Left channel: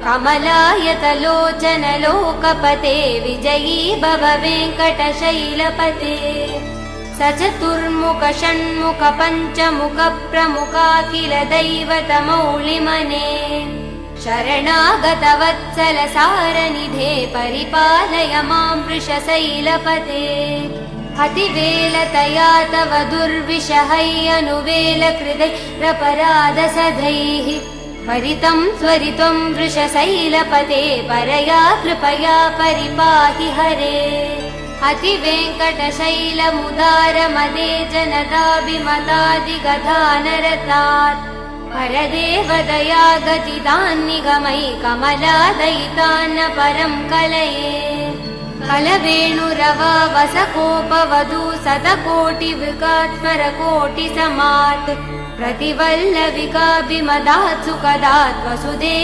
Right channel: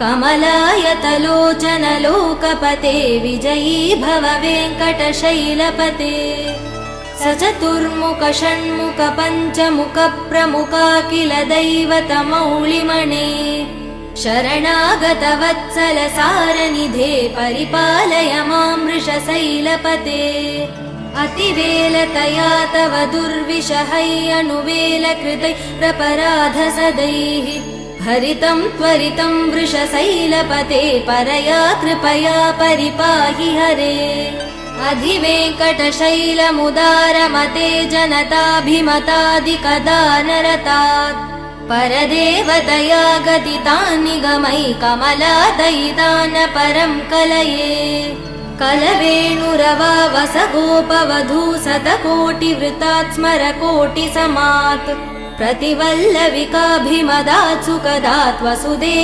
कमलायतलोचन लोकपते विजयी भव वेङ्कटशैलपते स चतुर्मुख षण्मुख पञ्चमुख प्रमुखाखिल दैवतमौलिमणे शरणागत वत्सल सारनिधे परिपालय मां वृषशैलपते अतिवेलतया तव दुर्विषहै अनुवेलकृदै प्रपराध सदैः हरितं त्वरितं वृषशैलपते परया कृपया परिपाहि हरे अधिवेङ्कटशैलमुदारमते जनताभिमतादिकदानरतात् परदेवदया गदितान् निगमै कमलादयितान् परं कलये कलवेणुरवावसगोपवधू शतकोटिवृतात् स्मरकोटिसमात् प्रतिवल्लविकाभिमदात् सुखदात् वसुदेव